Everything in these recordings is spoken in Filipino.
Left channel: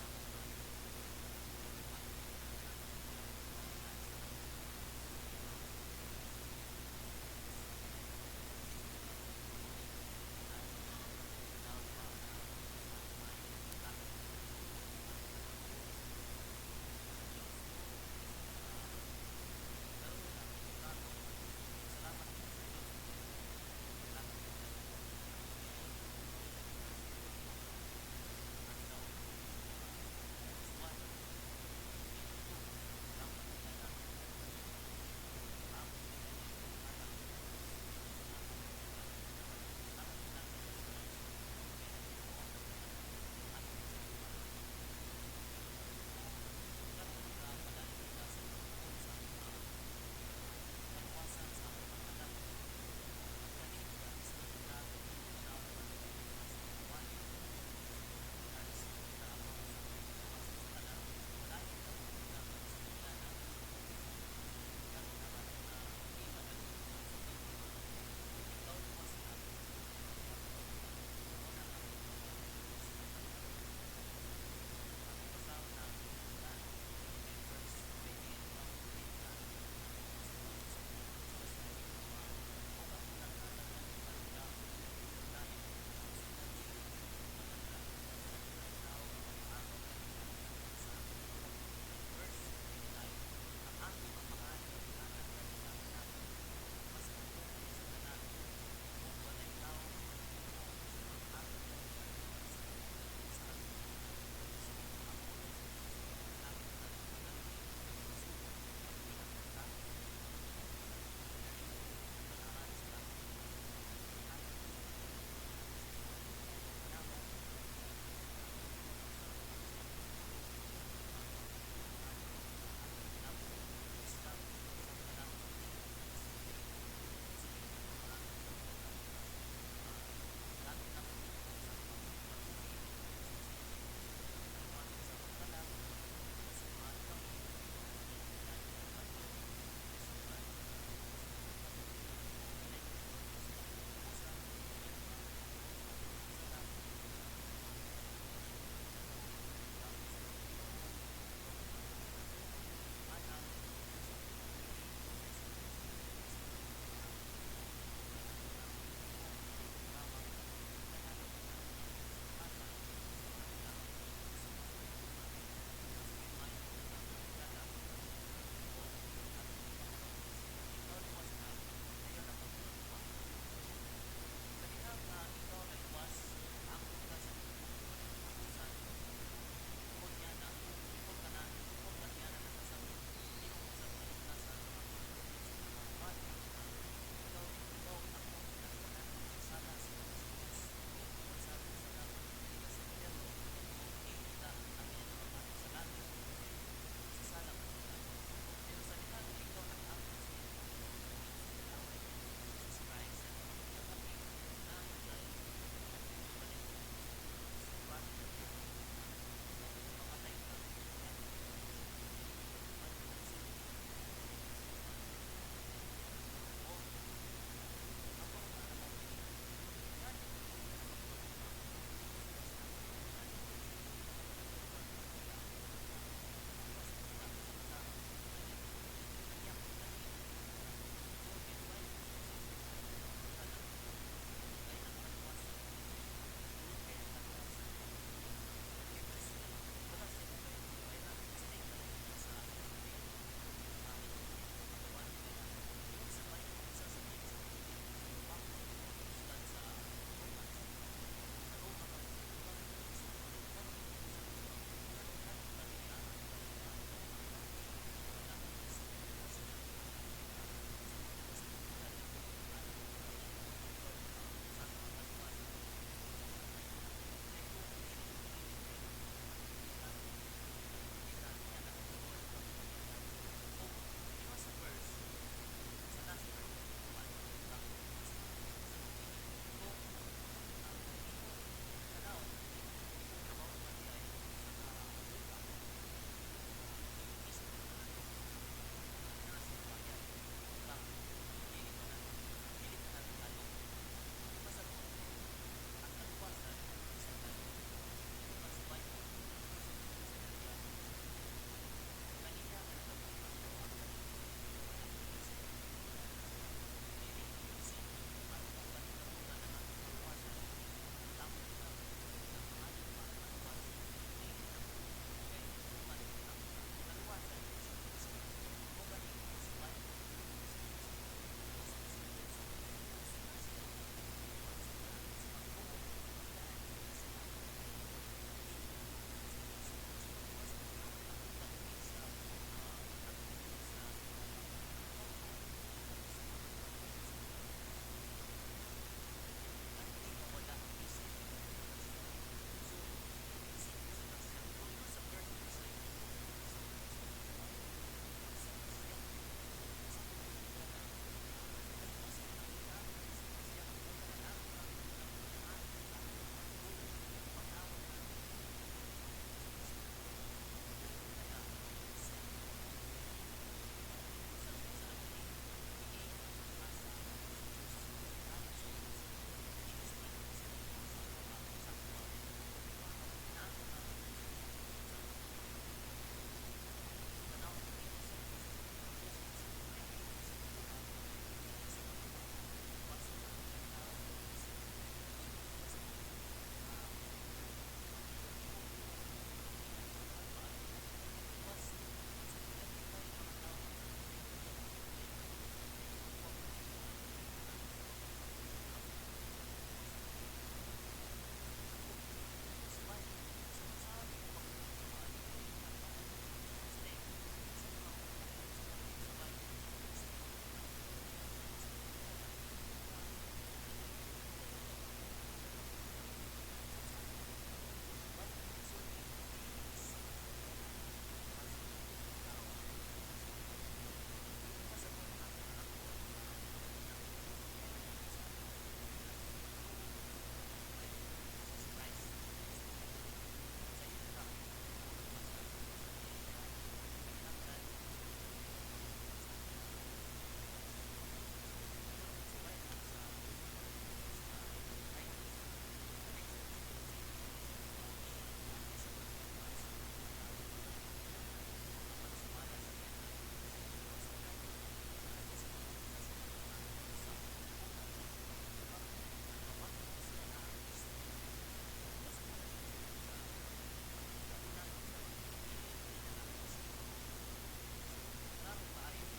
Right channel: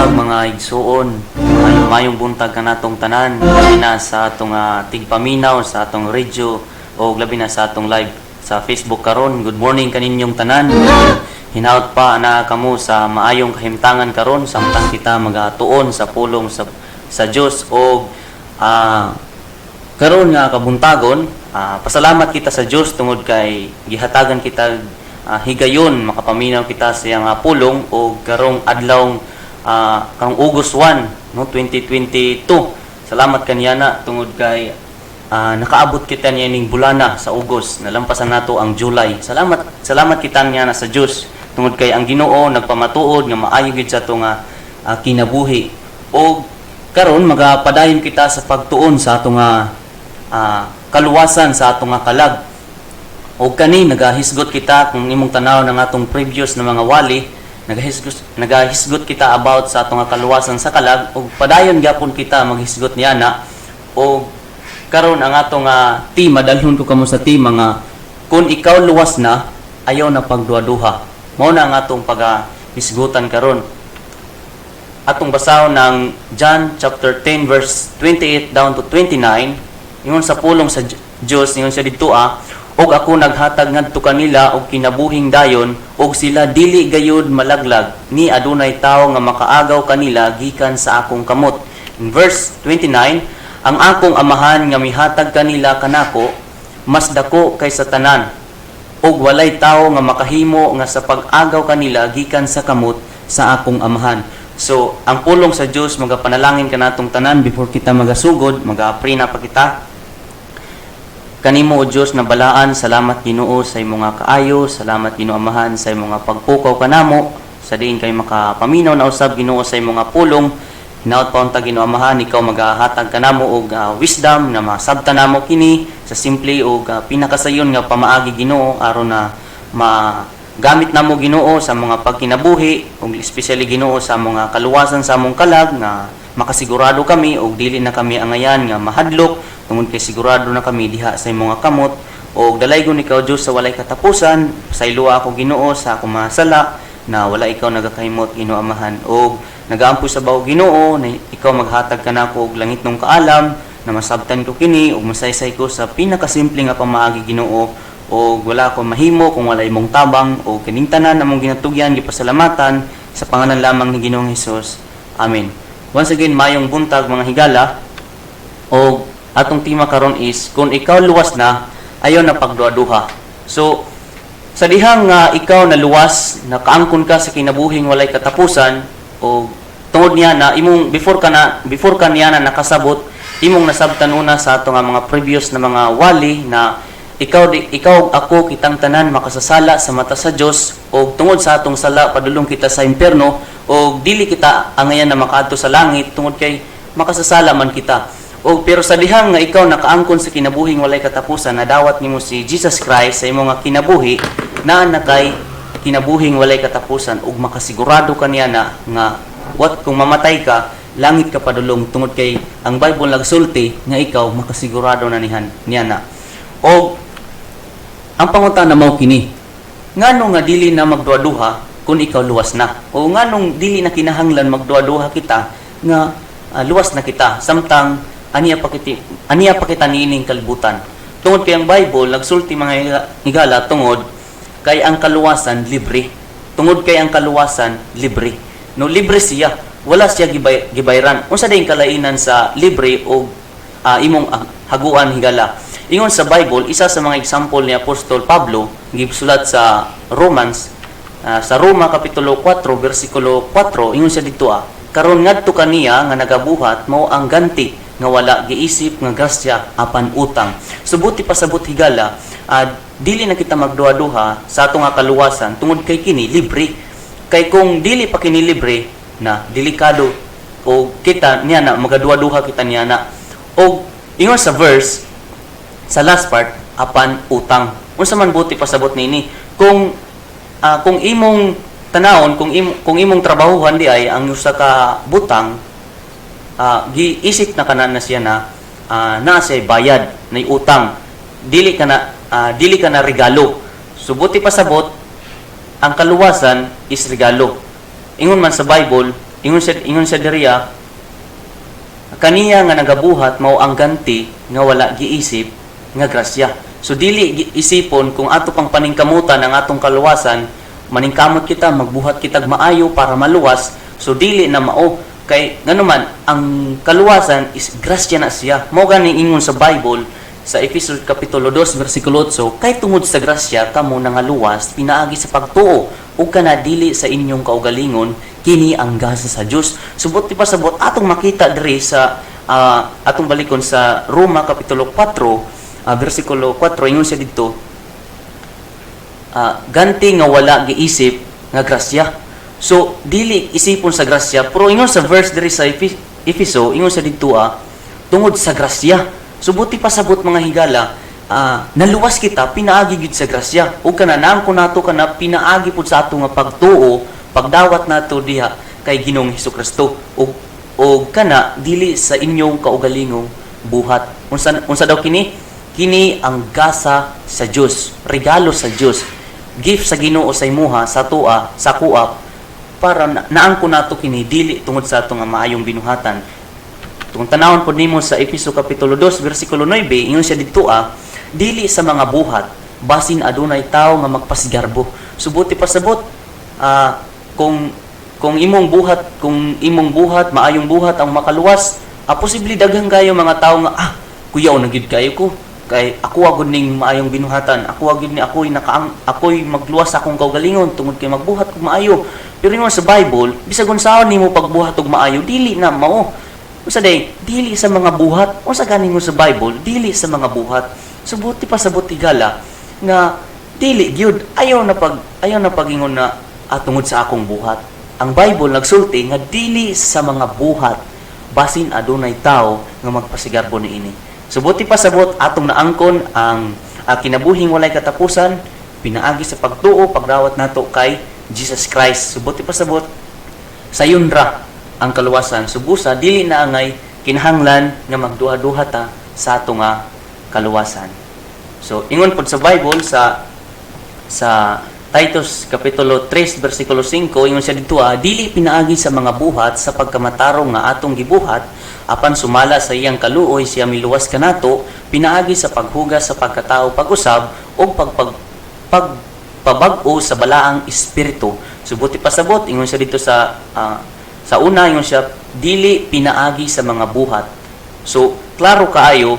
buntag mga igsuon, mayong buntag ka natong tanan, labi na sa atong tigpaminaw sa atong radio o labi na sa atong live sa Facebook karon. Good morning kaninyong tanan. Hinaut pa na kamo sa maayong kahimtangan karon samtang kita magatuon sa pulong sa Dios o karon nga kabuntagon. Pasalamat kita sa Dios tungod kay gihatagan kita higayon makapaminaw kita sa iyang pulong o karong adlaw karong August 1 no 2022. Salamat kaniya tungod kay nakaabot kita niya ning bulana sa August, nalampasan nato ang July. Salamat kita niya sa Dios tungod kay ang Ginoo nagpamatuod nga maayo gid sa atong kinabuhi. O karon magapadayon kita sa pagtuon sa atong kaluwasan sa atong kalag. O kani nagahisgot kita kung imong tanaw ng atong previous na mga wali, nagahisgot kita about sa atong kaluwasan sa kalag o padayon gyapon kita maghisgot niya na. O karon ang atong tema, dalhon ko kamo sa tema nga kung ikaw luwas na, ayaw na pagduha-duha. Mao na ang atong paghisgutan karon. Atong basahon ng John chapter 10 verse 28 down to 29. Ingon sa pulong sa Dios, ingon siya dito og ako naghatag ngadto kanila og kinabuhing dayon og sila dili gayud malaglag ni adunay tawo nga makaagaw kanila gikan sa akong kamot. In verse 29, ang akong amahan nga mihatag kanila kanako mas dako kaysa tanan og walay tawo nga makahimo nga sa pag-agaw kanila gikan sa kamot sa akong amahan. So ang pulong sa Dios magapanalangin kanatong tanan before kita magasugod, maga-pray na pa kita. Kanimo o Dios na balaan, salamat Ginoo sa imong kaayo, salamat Ginoo Amahan sa imong pagpukaw kanamo, sa diin kay makapaminaw na usab Ginoo sa imong pulong. Hinaut pa unta Ginoo Amahan, ikaw magahatag kanamo og wisdom na masabtan namo kini sa simple og pinakasayon nga pamaagi Ginoo aron na magamit namo Ginoo sa mga pagkinabuhi ug especially Ginoo sa mga kaluwasan sa among kalag nga makasigurado kami og dili na kami angayan nga mahadlok tungod kay sigurado na kami diha sa imong kamot og dalaygon ikaw Dios sa walay katapusan. Pasayloa ako Ginoo sa akong masala na wala ikaw nagakahimot Ginoo Amahan og nagaampo sa bawo Ginoo na ikaw maghatag kanako og langit nung kaalam na masabtan ko kini og masaysay ko sa pinakasimple nga pamaagi Ginoo og wala ko mahimo kung wala imong tabang og kining tanan namong ginatugyan gipasalamatan sa pangalan lamang ni Ginoong Hesus. Amen. Once again, mayong buntag mga higala. Og atong tema karon is kung ikaw luwas na, ayaw na pagduha-duha. So sa dihang ikaw na luwas, nakaangkon ka sa kinabuhing walay katapusan o tungod niya na imong before ka niya na nakasabot, imong nasabtan una sa atong mga previous na mga wali na ikaw ako kitang tanan makasasala sa mata sa Dios o tungod sa atong sala padulong kita sa impierno o dili kita angayan na makaadto sa langit tungod kay makasasala man kita. O pero sa dihang nga ikaw nakaangkon sa kinabuhing walay katapusan, nadawat nimo si Jesus Christ sa imong kinabuhi na nakay kinabuhing walay katapusan ug makasigurado kaniya na nga kung mamatay ka, langit ka padulong tungod kay ang Bible nagsulti nga ikaw makasigurado na niya na. O ang pangutana mao kini, ngano nga dili na magduha-duha kung ikaw luwas na? O nganong dili na kinahanglan magduha-duha kita nga luwas na kita samtang aniya pa kita niining kalibutan. Tungod kay ang Bible nagsulti mga higala tungod kay ang kaluwasan libre. Tungod kay ang kaluwasan libre. No libre siya, wala siya gibayran. Unsa day kalainan sa libre o imong haguan higala? Ingon sa Bible, isa sa mga example ni Apostol Pablo gisulat sa Romans sa Roma kapitulo 4 bersikulo 4, ingon siya dito karon ngadto kaniya nga nagabuhat mao ang ganti nga wala giisip nga grasya apan utang. Subuti pasabot higala, dili na kita magduha-duha sa atong kaluwasan tungod kay kini libre. Kay kung dili pa kini libre na delikado o kita niya na magaduha-duha kita niya na. O ingon sa verse sa last part apan utang. Unsa man buti pasabot nini kung imong tanawon kung imong trabahuhan di ay ang usa ka butang giisip na kanan na siya na siya bayad na utang dili ka na regalo. Subuti pasabot ang kaluwasan is regalo. Ingon man sa Bible ingon siya diriya, kaniya nga nagabuhat mao ang ganti nga wala giisip nga grasya. So dili isipon kung ato pang paningkamutan ang atong kaluwasan, maningkamot kita, magbuhat kitag maayo para maluwas. So dili na mao kay nganuman ang kaluwasan is grasya na siya. Mao gani ingon sa Bible sa Efeso Kapitulo 2, versikulo 8, kay tungod sa grasya, kamo nangaluwas, pinaagi sa pagtuo, o kana dili sa inyong kaugalingon, kini ang gasa sa Diyos. Subot ti pasabot, atong makita diri sa, atong balikon sa Roma Kapitulo 4, versikulo 4, ingon siya dito, ganti nga wala giisip nga grasya. So, dili isipon sa grasya, pero ingon sa verse diri sa Efeso, ingon siya dito, tungod sa grasya. Subuti pasabot mga higala, naluwas kita, pinaagi gid sa grasya. O kana, naangko nato kana, pinaagi po sa ato nga pagtuo, pagdawat nato diha kay Ginoong Hesukristo. O kana, dili sa inyong kaugalingong buhat. Unsa daw kini? Kini ang gasa sa Dios, regalo sa Dios, gift sa Ginoo sa imuha, sa tua, sa kuap, para naangko nato kini, dili tungod sa ato nga maayong binuhatan. Kung tanawon po nimo sa Efeso Kapitulo 2, versikulo 9, ingon siya dito, dili sa mga buhat, basin adunay tao nga magpasigarbo. Subuti pasabot, kung imong buhat, maayong buhat ang makaluwas, posible daghang kayo mga tao nga, kuyaw na gid kayo ko, kay ako agud ning maayong binuhatan, ako agud ni ako'y magluwas akong kaugalingon tungod kay magbuhat kog maayo. Pero ingon sa Bible, bisag unsaon nimo pagbuhat og maayo, dili na mao. Usa day, dili sa mga buhat. Unsa ganing mo sa Bible, dili sa mga buhat. Subuti pasabot tigala nga dili gyud ayaw na pagingon na tungod sa akong buhat. Ang Bible nagsulti nga dili sa mga buhat basin adunay tao nga magpasigarbo niini. Subuti pasabot atong naangkon ang kinabuhing walay katapusan, pinaagi sa pagtuo, pagdawat nato kay Jesus Christ. Subuti pasabot sayon ra ang kaluwasan, subusa dili na angay kinahanglan nga magduha-duha ta sa ato nga kaluwasan. So ingon pod sa Bible sa Titus Kapitulo 3 versikulo 5, ingon siya dito, dili pinaagi sa mga buhat sa pagkamatarong nga atong gibuhat, apan sumala sa iyang kaluoy siya miluwas kanato, pinaagi sa paghugas sa pagkatao pag-usab o pagpabag-o sa balaang espiritu. Subuti pasabot, ingon siya dito sa una, ingon siya, dili pinaagi sa mga buhat. So, klaro kaayo,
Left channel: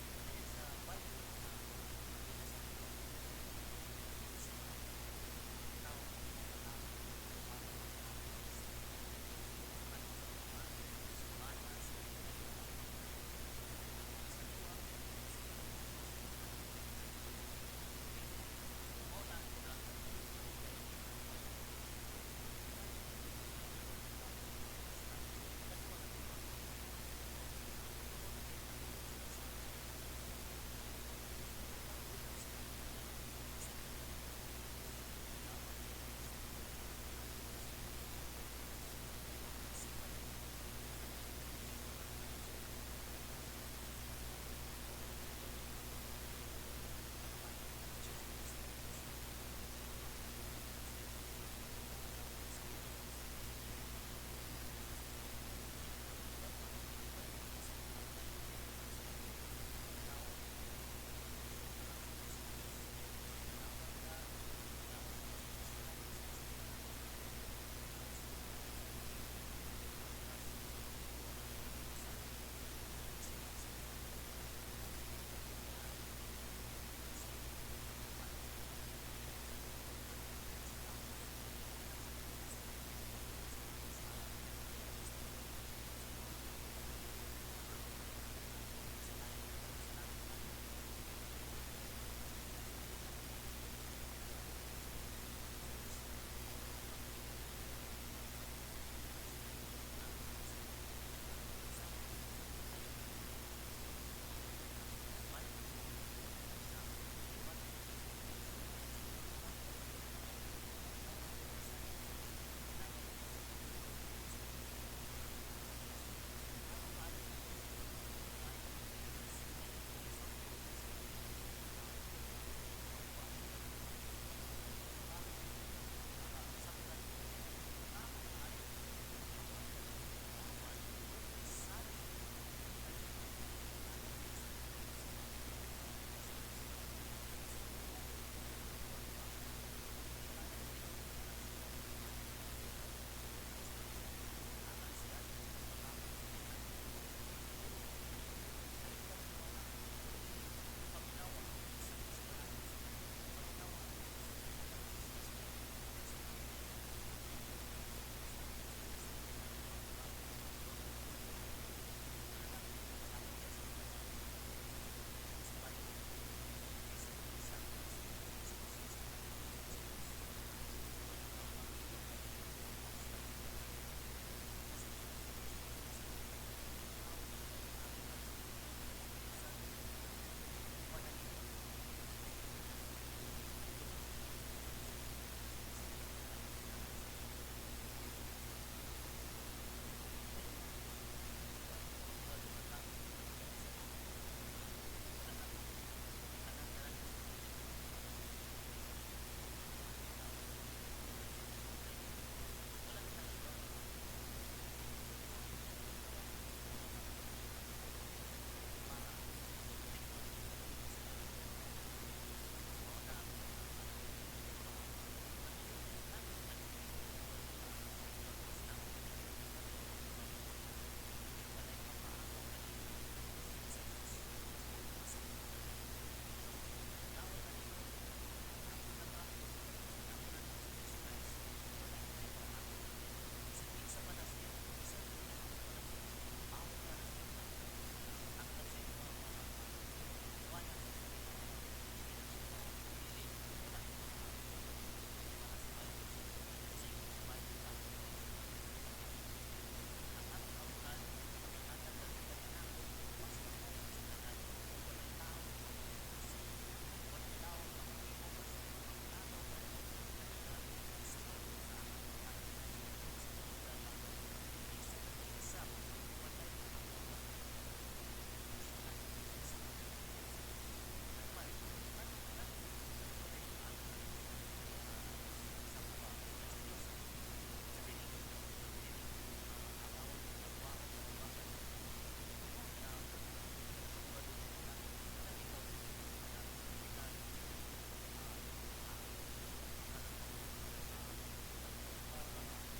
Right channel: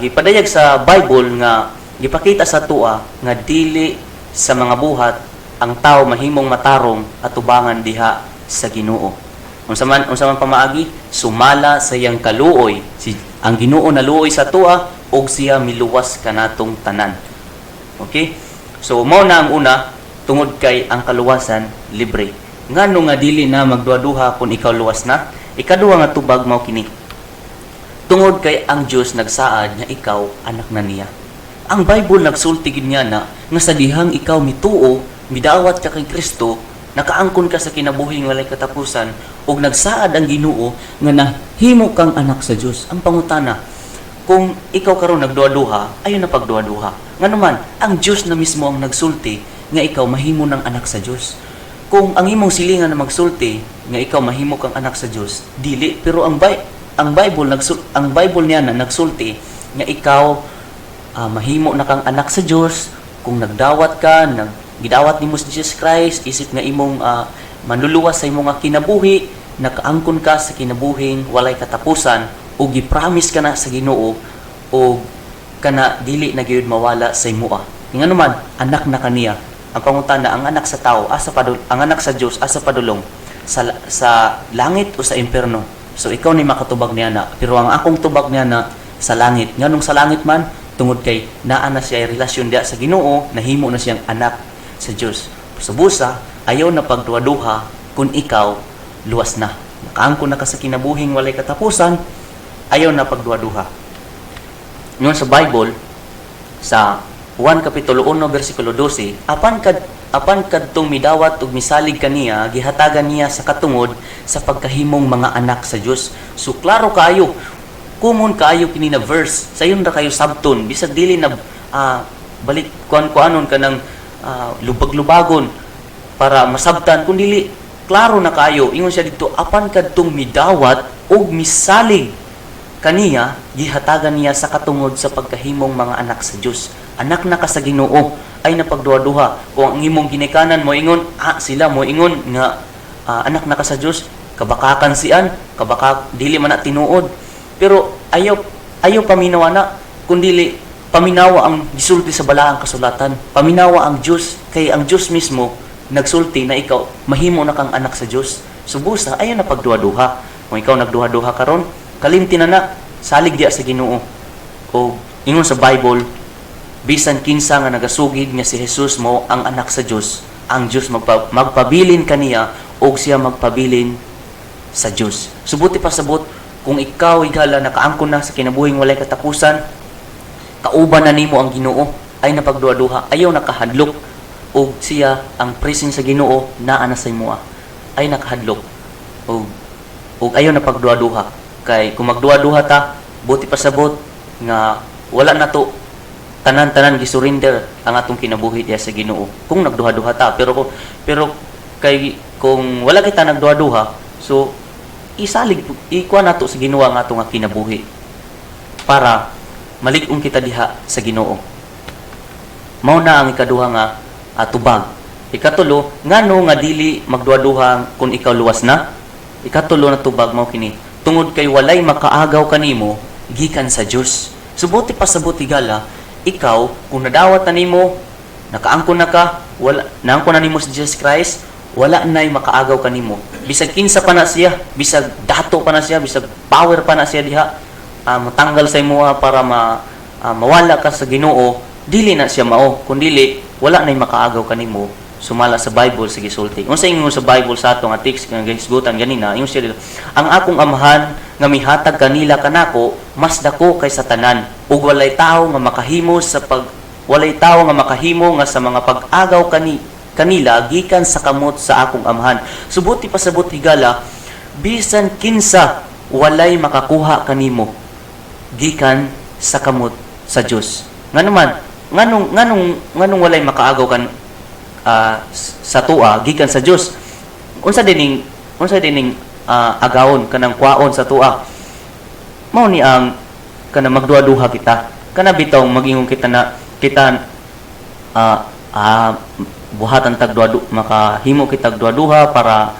gipadayag sa Bible nga, gipakita sa tua, nga dili sa mga buhat, ang tao mahimong matarong at tubangan diha sa Ginoo. Unsa man pamaagi, sumala sa iyang kaluoy. Ang Ginoo naluoy sa tua, og siya miluwas kanatong tanan. Okay? So, mao na ang una, tungod kay ang kaluwasan, libre. Ngano nga dili na magduha-duha kung ikaw luwas na? Ikaduha nga tubag mao kini. Tungod kay ang Dios nagsaad nga ikaw anak na niya. Ang Bible nagsulti gid niya na nga sa dihang ikaw mituo, midawat ka kay Kristo, nakaangkon ka sa kinabuhing walay katapusan ug nagsaad ang Ginoo nga nahimo kang anak sa Dios. Ang pangutana, kung ikaw karon nagduha-duha, ayon na pagduha-duha. Nganuman, ang Dios na mismo ang nagsulti nga ikaw mahimo ng anak sa Dios. Kung ang imong silingan na magsulti nga ikaw mahimo kang anak sa Dios, dili, pero ang Bible niya na nagsulti nga ikaw mahimo na kang anak sa Dios kung nagdawat ka, gidawat nimo si Jesus Christ, isip nga imong manluluwas sa imong kinabuhi, nakaangkon ka sa kinabuhing walay katapusan o gipromise ka na sa Ginoo o kana dili na gyud mawala sa imoa. Ngano man anak na kaniya. Ang pangutana, ang anak sa tao, ang anak sa Dios asa padulong sa langit o sa impierno. So ikaw ni makatubag niya na, pero ang akong tubag niya na sa langit. Nganong sa langit man, tungod kay naa na siya relasyon diya sa Ginoo, nahimo na siyang anak sa Dios. So busa, ayaw na pagduha-duha kung ikaw luwas na. Nakaangkon na ka sa kinabuhing walay katapusan, ayaw na pagduha-duha. Ngayon sa Bible, sa 1 Kapitulo 1, versikulo 12, apan kadtong midawat ug misalig kaniya, gihatagan niya sa katungod sa pagkahimong mga anak sa Dios. So klaro kaayo, kumon kaayo kini na verse, sayon ra kayo sabton, bisag dili na balik kuan-kuanon ka ng lubag-lubagon para masabtan, kun dili klaro na kayo, ingon siya dito, apan kadtong midawat og misalig kaniya, gihatagan niya sa katungod sa pagkahimong mga anak sa Dios. Anak na ka sa Ginoo ay napagduha-duha. Kung ang imong ginikanan mo ingon, sila mo ingon nga anak na ka sa Dios, kabakakan sian, dili man na tinuod. Pero ayaw paminawa na, kundili paminawa ang gisulti sa balaang kasulatan. Paminawa ang Dios, kay ang Dios mismo nagsulti na ikaw mahimo na kang anak sa Dios. Subusa ayo na pagduha-duha. Kung ikaw nagduha-duha karon, kalimti na salig diya sa Ginoo. O ingon sa Bible, bisan kinsa nga nagasugid nga si Jesus mo ang anak sa Dios, ang Dios magpabilin kaniya o siya magpabilin sa Dios. Subuti pa sabot, kung ikaw higala nakaangkon na sa kinabuhing walay katapusan, kauban na nimo ang Ginoo, ay napagduha-duha, ayaw nakahadlok o siya ang presence sa Ginoo naa na sa imo ay nakahadlok o ayaw napagduha-duha. Kay kung magduha-duha ta, buti pa sabot nga wala na to tanan-tanan gisurrender ang atong kinabuhi diya sa Ginoo kung nagduha-duha ta. Pero kay kung wala kita nagduha-duha, so isalig ikuha nato sa Ginoo ang atong kinabuhi para malig-on kita diha sa Ginoo. Mao na ang ikaduha nga tubag. Ikatulo, ngano nga dili magduha-duha kung ikaw luwas na? Ikatulo na tubag mao kini, tungod kay walay makaagaw kanimo gikan sa Dios. Subuti pa sabot higala, ikaw kung nadawat na nimo, nakaangkon na ka, wala naangkon na nimo sa Jesus Christ, wala nay makaagaw kanimo. Bisag kinsa pa na siya, bisag dato pa na siya, bisag power pa na siya diha, matanggal sa imo para mawala ka sa Ginoo, dili na siya mao. Kun dili, wala nay makaagaw kanimo. Sumala sa Bible sa gisulti. Unsa ingon sa Bible sa atong text nga gisgutan ganina, ingon siya, ang akong amahan nga mihatag kanila kanako mas dako kaysa tanan, ug walay tawo nga makahimo nga sa mga pag-agaw kanila gikan sa kamot sa akong amahan. Subuti pa sabot higala, bisan kinsa walay makakuha kanimo gikan sa kamot sa Dios. Nganong walay makaagaw kan sa tua gikan sa Dios. Unsa dining agawon kanang kwaon sa tua? Mao ni ang kana magduha-duha kita. Kana bitaw magingong kita na kita buhatan tag duha, makahimo kita duha-duha para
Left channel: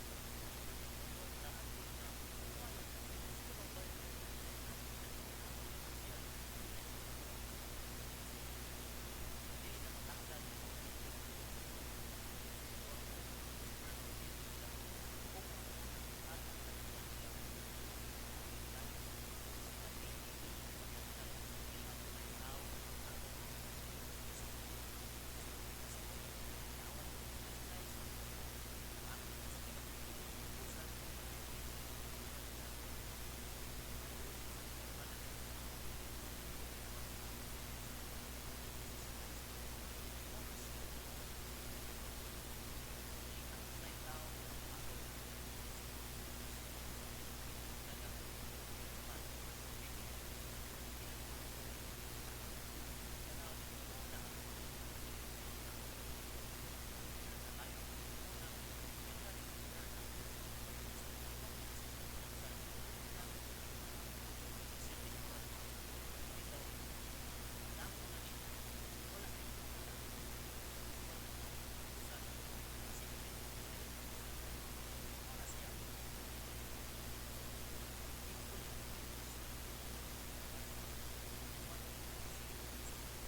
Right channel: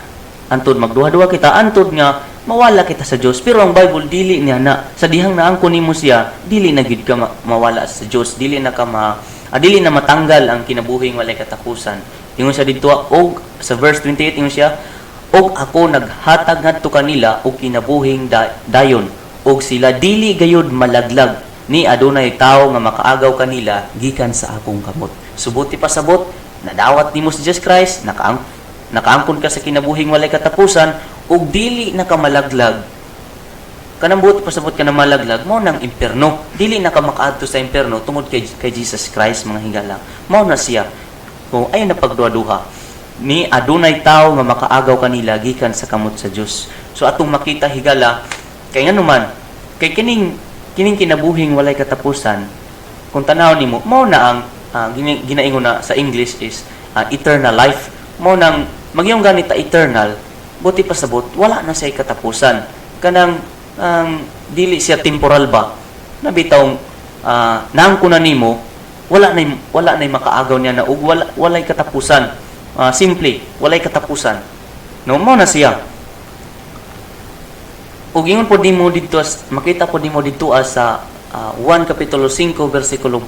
antud magduha-duha kita, antud nga mawala kita sa Dios. Pero ang Bible dili niya na sa dihang naangkon nimo siya, dili na gid ka mawala sa Dios, dili na matanggal ang kinabuhing walay katapusan. Ingon siya dito og sa verse 28, ingon siya, og ako naghatag ngadto kanila og kinabuhing dayon, og sila dili gayud malaglag ni adunay tawo nga makaagaw kanila gikan sa akong kamot. Subuti pa sabot, nadawat nimo si Jesus Christ, nakaangkon ka sa kinabuhing walay katapusan, og dili na ka malaglag. Kanang buti pasabot ka na malaglag, mao nang impierno. Dili na ka makaadto sa impierno tungod kay Jesus Christ, mga higala. Mao na siya. Kung ay napagduha-duha ni adunay tawo nga makaagaw kanila gikan sa kamot sa Dios. So atong makita higala, kay nganuman, kay kining kinabuhing walay katapusan, kung tanaw nimo, mao na ang ginaingon na sa English is eternal life. Mao nang magyong ganita eternal, buti pasabot wala na siya katapusan. Kanang dili siya temporal ba, nabitaw naangkon na nimo, wala na makaagaw niya na ug walay katapusan. Simple, walay katapusan. No, mo na siya. Ug ingon po dimo dito, makita po dimo dito sa 1 kapitulo 5 bersikulo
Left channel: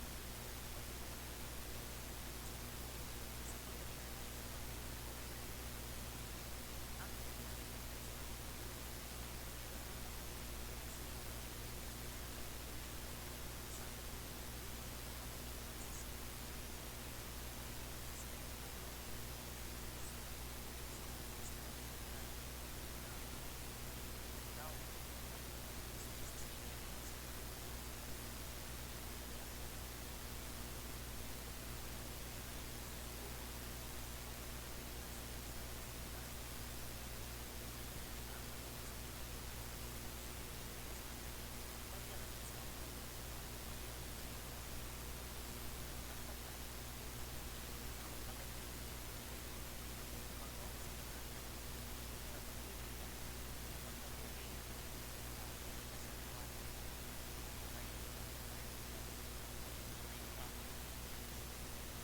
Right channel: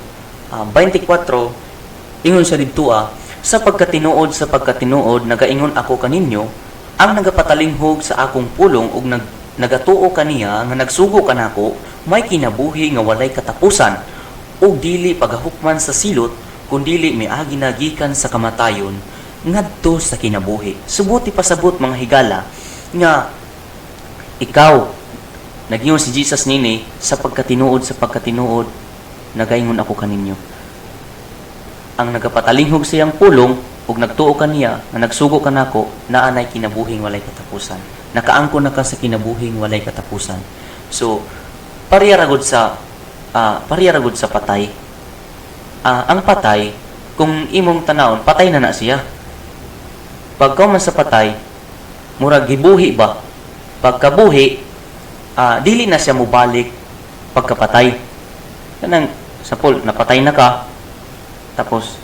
24, ingon siya dito sa pagkatinuod nagaingon ako kaninyo, ang nagapatalinghog sa akong pulong ug nagatuo kaniya nga nagsugo kanako, may kinabuhi nga walay katapusan, ug dili pagahukman sa silot, kundili miagi na gikan sa kamatayon ngadto sa kinabuhi. Subuti pasabot, mga higala, nga ikaw nagingon si Jesus nini sa pagkatinuod nagaingon ako kaninyo. Ang nagapatalinghog siyang pulong ug nagtuo kaniya nga nagsugo kanako, naanay kinabuhing walay katapusan. Nakaangkon na ka sa kinabuhing walay katapusan. So parehara gud sa patay. Ang patay, kung imong tanawon, patay na siya. Pagka man sa patay, murag gibuhi ba. Pagkabuhi, dili na siya mubalik pagkapatay. Kanang sa napatay na ka, tapos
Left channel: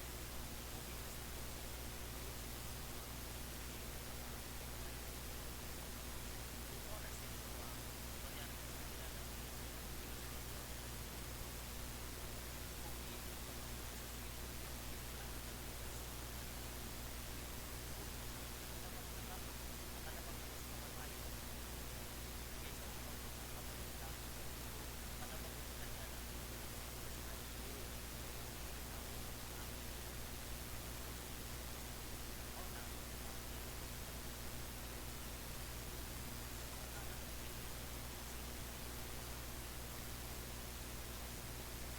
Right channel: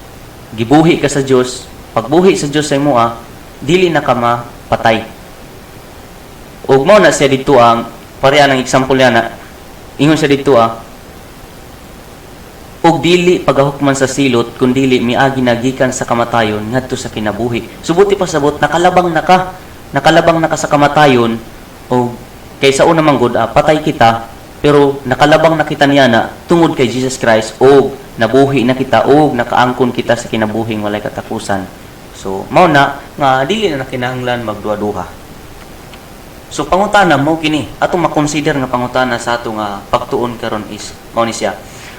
gibuhi ka sa Dios. Pagbuhi sa Dios sa imo, dili na ka mapatay. Ug mao na siya dito ang pareha ng example niya na ingon siya dito ug dili pagahukman sa silot kun dili miagi nagikan sa kamatayon ngadto sa kinabuhi. Subuti pasabot nakalabang na ka sa kamatayon o kaysa una man gud patay kita pero nakalabang na kita niya na tungod kay Jesus Christ o nabuhi na kita o nakaangkon kita sa kinabuhing walay katapusan. So mao na nga dili na kinahanglan magduha-duha. So pangutana mo kini atong makonsider nga pangutana sa ato nga pagtuon karon is mao ni siya.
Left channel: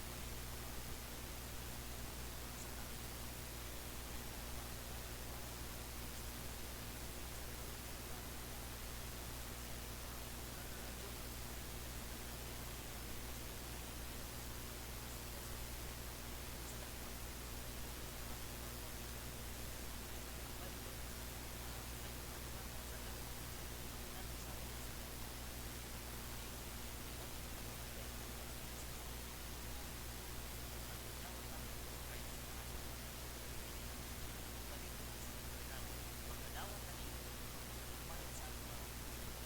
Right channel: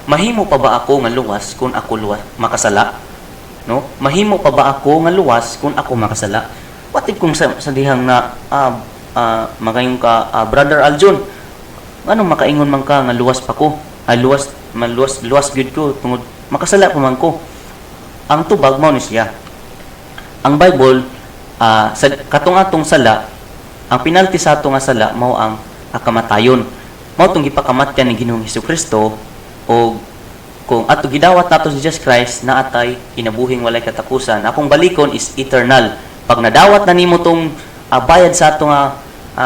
Mahimo pa ba ako nga luwas kung ako makasala? No? Mahimo pa ba ako nga luwas kung ako makasala? What if kung sa dihang na magayon ka Brother Aljon, anong makaingon man ka nga luwas pa ko? Luwas gyud ko tungod makasala pa man ko. Ang tubag mao ni siya. Ang Bible sa katong-atong sala, ang penalty sa ato nga sala mao ang kamatayon. Mao tong gipakamatyan ni Ginoong Hesukristo o kung ato gidawat nato si Jesus Christ na atay kinabuhing walay katapusan. Akong balikon is eternal. Pag nadawat na nimo tong bayad sa ato nga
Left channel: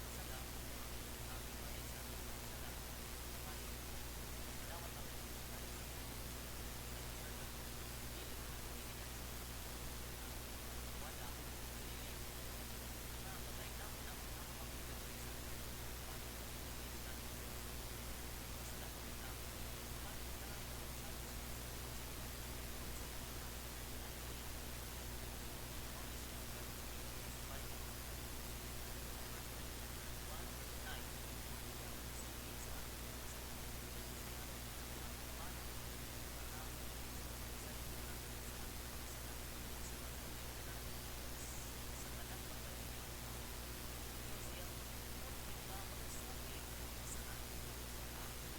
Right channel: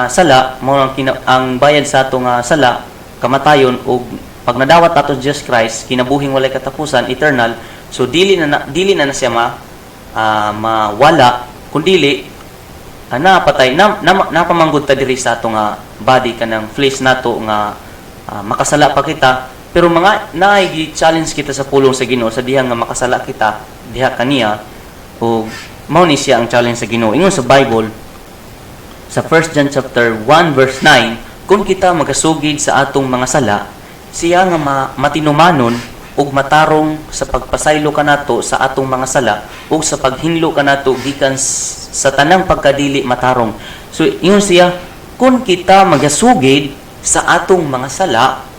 sala, mao ang bayad sa ato nga sala kamatayon o pag nadawat nato si Jesus Christ kinabuhing walay katapusan eternal. So dili na siya mawala kundi napatay napamanggod ta diri sa ato nga body kanang flesh nato nga makasala pa kita. Pero mga challenge kita sa pulong sa Ginoo sa diha nga makasala kita diha kaniya o mao ni siya ang challenge sa Ginoo. Ingon sa Bible sa 1 John chapter 1 verse 9, kung kita magasugid sa atong mga sala, siya nga matinumanon ug matarong sa pagpasaylo kanato sa atong mga sala ug sa paghinlo kanato gikan sa tanang pagkadili matarong. So ingon siya, kung kita magasugid sa atong mga sala,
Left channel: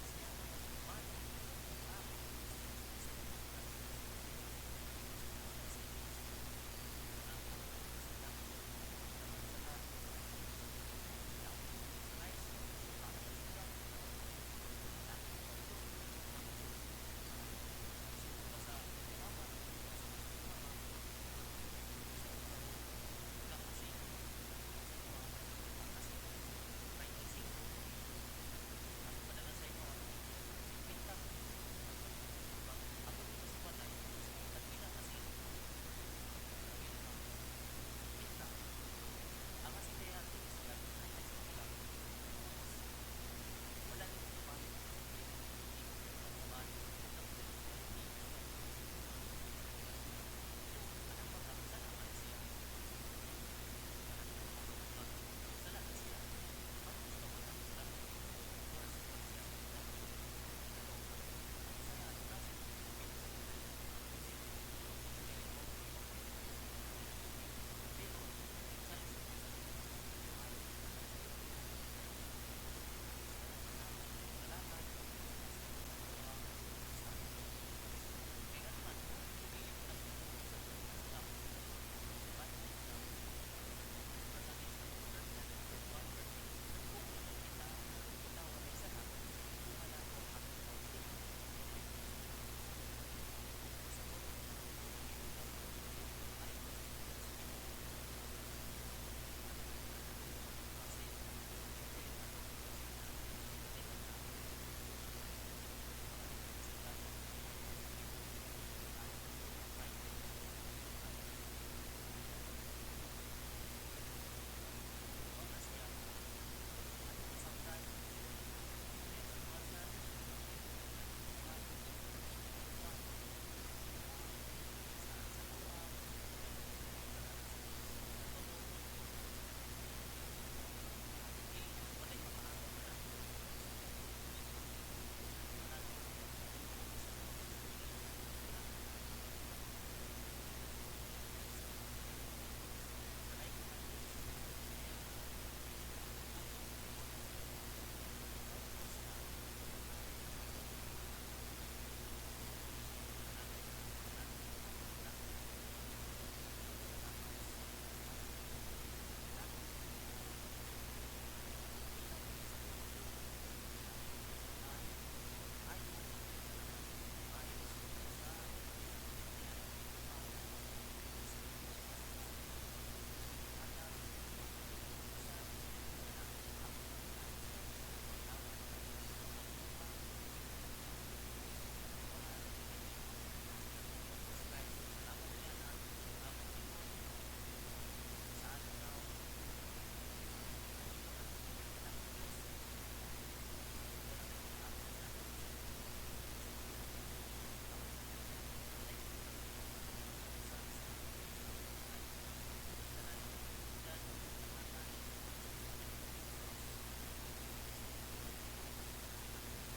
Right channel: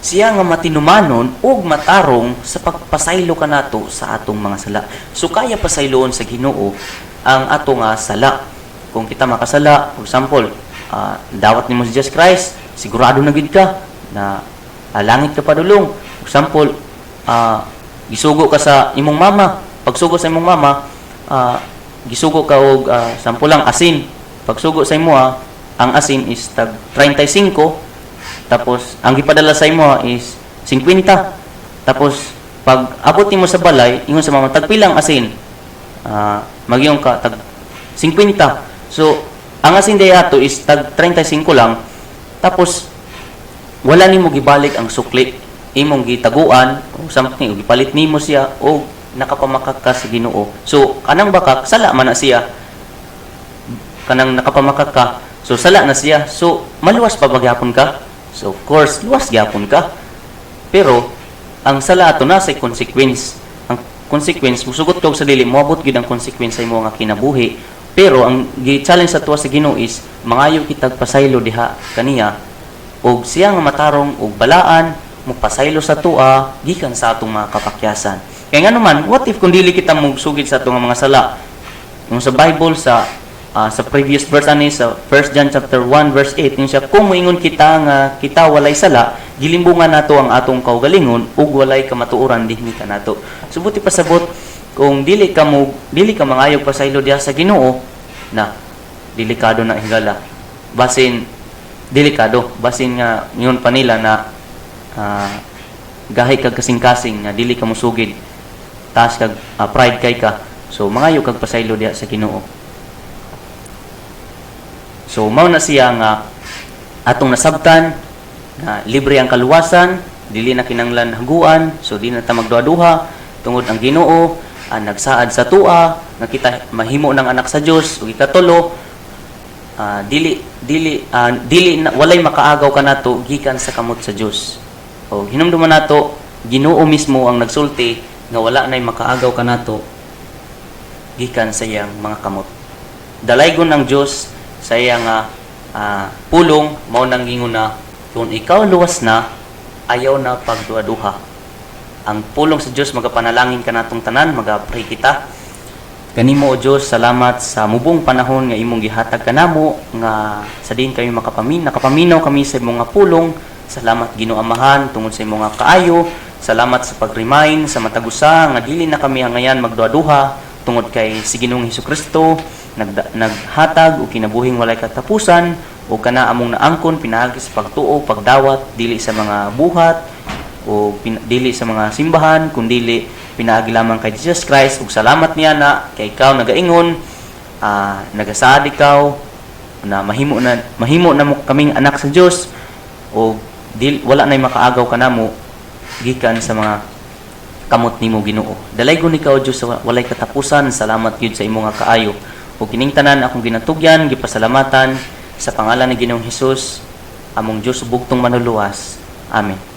siya nga matinumanon ug matarong sa pagpasaylo kanato sa atong mga sala. So kaya pasayloon sa Ginoo ang ato nga sala. Kung kita makasala, for example, dawat nimo si Jesus Christ, sigurado na gid ka na langit ka padulong. For example, gisugo ka sa imong mama. Pagsugo sa imong mama, gisugo ka og sampulang asin. Pagsugo sa imo ang asin is tag 35. Tapos, ang gipadala sa imo is 50. Tapos, pag abot nimo sa balay, ingon sa mama, tagpilang asin. Magyong ka, tag 50. So, ang asin day ato is tag 35 lang. Tapos, wala nimo gibalik ang sukli. Imong gitaguan, o something, o gipalit nimo siya, o nakapamakak ka sa Ginoo. So, kanang bakak, sala man na siya. Kanang nakapamakak ka, so sala na siya. So, maluwas pa bagyapon ka? So, of course, luwas gyapon ka. Pero, ang sala ato na sa consequence. Ang consequence, musugot ka sa dili, moabot gid ang consequence sa imo nga kinabuhi. Pero, ang gi-challenge sa tuwa sa Ginoo is, mangayo kitag pasaylo diha kaniya, og siya nga matarong og balaan, magpasaylo sa tuwa, gikan sa atong mga kapakyasan. Kaya nga naman, what if kung dili kita magsugid sa atong mga sala? Yung sa Bible, sa previous verse sa 1 John chapter 1 verse 8 yung siya kung moingon kita nga kita walay sala gilimbungan nato ang atong kaugalingon ug walay kamatuoran dinhi kanato. Subuti pasabot kung dili ka mangayog pasaylo diha sa Ginoo na delikado na higala. Basin nga ingon pa nila na gahi kag kasing-kasing na dili ka musugid taas kag pride kay ka. So mangayog kag pasaylo diha sa Ginoo. So, mao na siya nga atong nasabtan na libre ang kaluwasan, dili na kinanglan haguan, so di na ta magduha-duha tungod ang Ginoo nagsaad sa tua nga kita mahimo ng anak sa Dios ug ikatulo walay makaagaw kanato gikan sa kamot sa Dios. O hinumduman nato Ginoo mismo ang nagsulti nga wala nay makaagaw kanato gikan sa iyang mga kamot. Dalaygon ang Dios sa iyang pulong mao nang gingon na kung ikaw luwas na ayaw na pagduha-duha. Ang pulong sa Dios magapanalangin kanatong tanan, magapray kita Kanimo o Dios, salamat sa mubong panahon nga imong gihatag kanamo nga sa din kami nakapaminaw kami sa imong nga pulong. Salamat Ginoo Amahan tungod sa imong nga kaayo. Salamat sa pag-remind sa matagusa nga dili na kami hangayan magduha-duha tungod kay si Ginoong Hesukristo naghatag og kinabuhing walay katapusan o kana among naangkon pinaagi sa pagtuo, pagdawat dili sa mga buhat o dili sa mga simbahan kundi pinaagi lamang kay Jesus Christ. Ug salamat niya na kay ikaw nagaingon, nagasaad ikaw na mahimo na mo kaming anak sa Dios o wala nay makaagaw kanamo gikan sa mga kamot nimo Ginoo. Dalaygon ikaw Dios sa walay katapusan. Salamat gyud sa imong nga kaayo. Ug kining tanan akong ginatugyan gipasalamatan sa pangalan ni Ginoong Hesus among Dios bugtong manuluwas. Amen.